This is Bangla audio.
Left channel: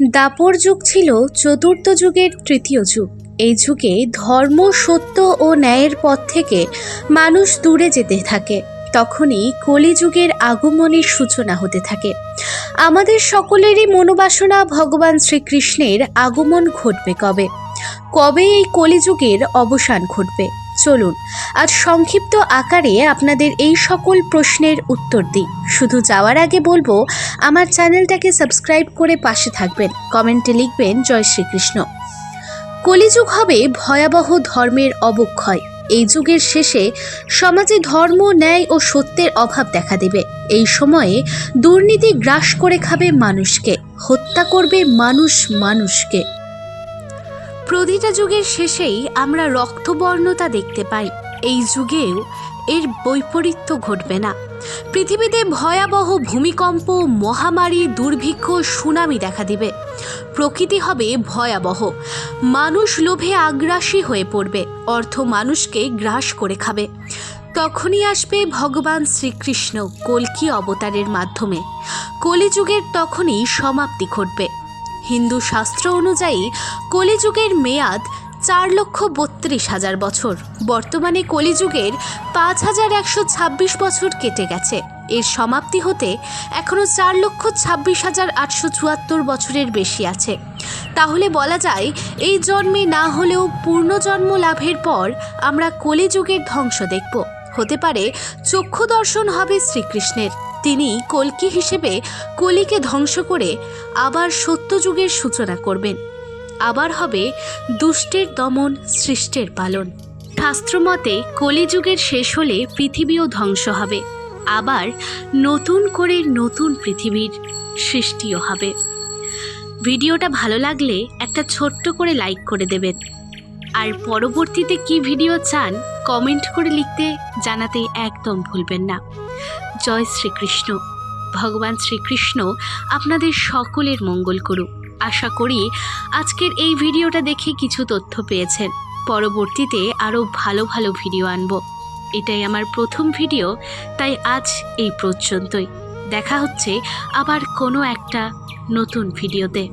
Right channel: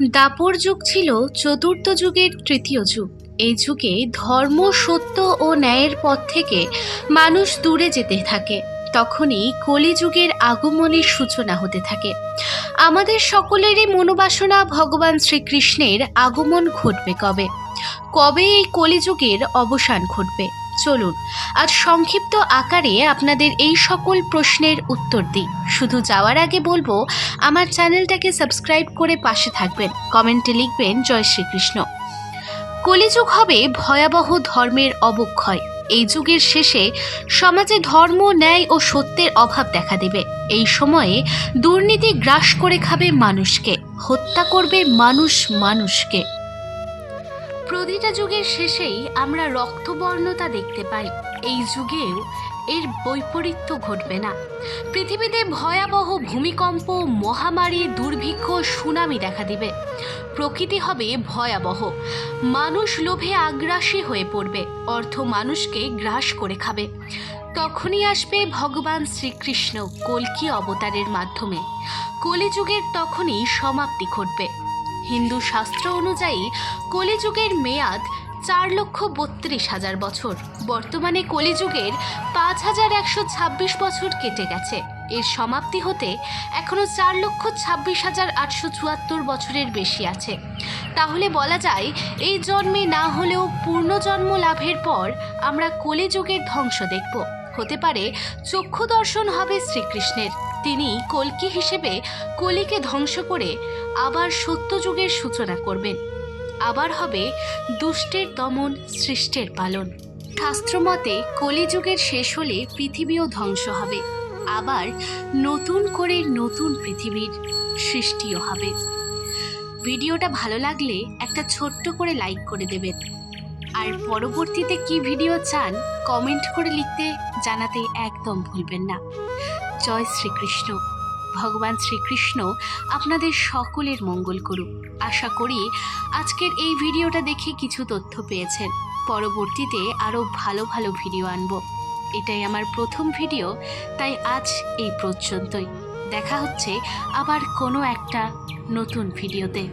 দাপর যুগ ছিল চতুর্থ যুগের তৃতীয় যুগ। এই যুগে ধর্ম, সত্য ও ন্যায়ের পথ থেকে মানুষ দূরে যেতে থাকে। তখনই কলিযুগের আগমনের সূচনা হতে থাকে। আমাদের সকলেরই মনোবাসনা ভগবান শ্রীকৃষ্ণের আগমন ঘটবে কবে, কবে এই কলিযুগের অবসান ঘটবে। চলুন আজ সংক্ষিপ্ত আকারে আপনাদের এই সকল প্রশ্নের উত্তর দিই। শুধু যাওয়ার আগে বলবো, আমার চ্যানেলটাকে সাবস্ক্রাইব করে পাশে থাকবেন, কমেন্টে লিখবেন জয় শ্রীকৃষ্ণ। কলিযুগ হবে ভয়াবহ ধর্মের অবক্ষয়। এই যুগের শেষে সমাজে ধর্ম, ন্যায় ও সত্যের অভাব দেখা দেবে। এই সময়ে দুর্নীতি গ্রাস করে খাবে মানুষকে, হত্যা করবে মানুষ মানুষকে। প্রতিটা যুগের শেষেই আমরা রক্তবর্ণতা দেখতে পাই। এই যুগেও এর বৈপরীত্য ঘটবে না। পৃথিবীতে ভয়াবহ ভূমিকম্প, মহামারী, দুর্ভিক্ষ, সুনামি দেখা দিবে। প্রকৃতি হবে ভয়াবহ। মানুষ লোভে আগ্রাসী হয়ে পড়বে, অর্থ মানুষকে গ্রাস করে খাবে। তখনই আসবে ভগবান শ্রীকৃষ্ণ কল্কি অবতারের মাধ্যমে। কলিযুগের তখনই সমাপ্তি ঘটবে। হিন্দু শাস্ত্র অনুযায়ী কলিযুগের মেয়াদ 4,32,000 বছর। বর্তমানে কলিযুগের 5,126 বছর কেটে গেছে। এর সমাপ্তি হতে এখনও 4,26,874 বছরের বেশি আছে। তাহলে বলা যায়, এই জন্মে না হলেও পূর্ণজন্ম লাভের পর আমরা কলিযুগের ধ্বংস দেখব। হতে পারে চক্ষু দর্শন হবে শ্রীকৃষ্ণের। তিনি কল্কি হিসেবে কলিকে ধ্বংস করে আবার সত্যযুগের সূচনা করবেন। আবার হবে দুষ্টের দমন, সৃষ্টের পালন। শাস্ত্রমতে কলিযুগের শেষ হলে পৃথিবীও ধ্বংস হবে। আবার নতুন করে নতুন পৃথিবীর সৃষ্টিও হবে। ভিডিওটা ভালো লাগলে একটা ছোট্ট করে লাইক করে দেবেন। আর পরবর্তীতে কি ভিডিও চান কমেন্ট করে লিখতে জানাতে একদম ভুলবেন না। জয় শ্রীকৃষ্ণ। ভগবান শ্রীকৃষ্ণ আপনাদের সকলের মঙ্গল করুক। আশা করি আজকের এই ভিডিওটা দেখে কিছু তথ্য পেয়েছেন। পরবর্তীতে আরও ভালো ভালো ভিডিও আনব। এটাই আমার প্রথম ভিডিও, তাই আজ এই পর্যন্তই। দেখা হচ্ছে আবার কোনো একটা নতুন ভিডিওতে।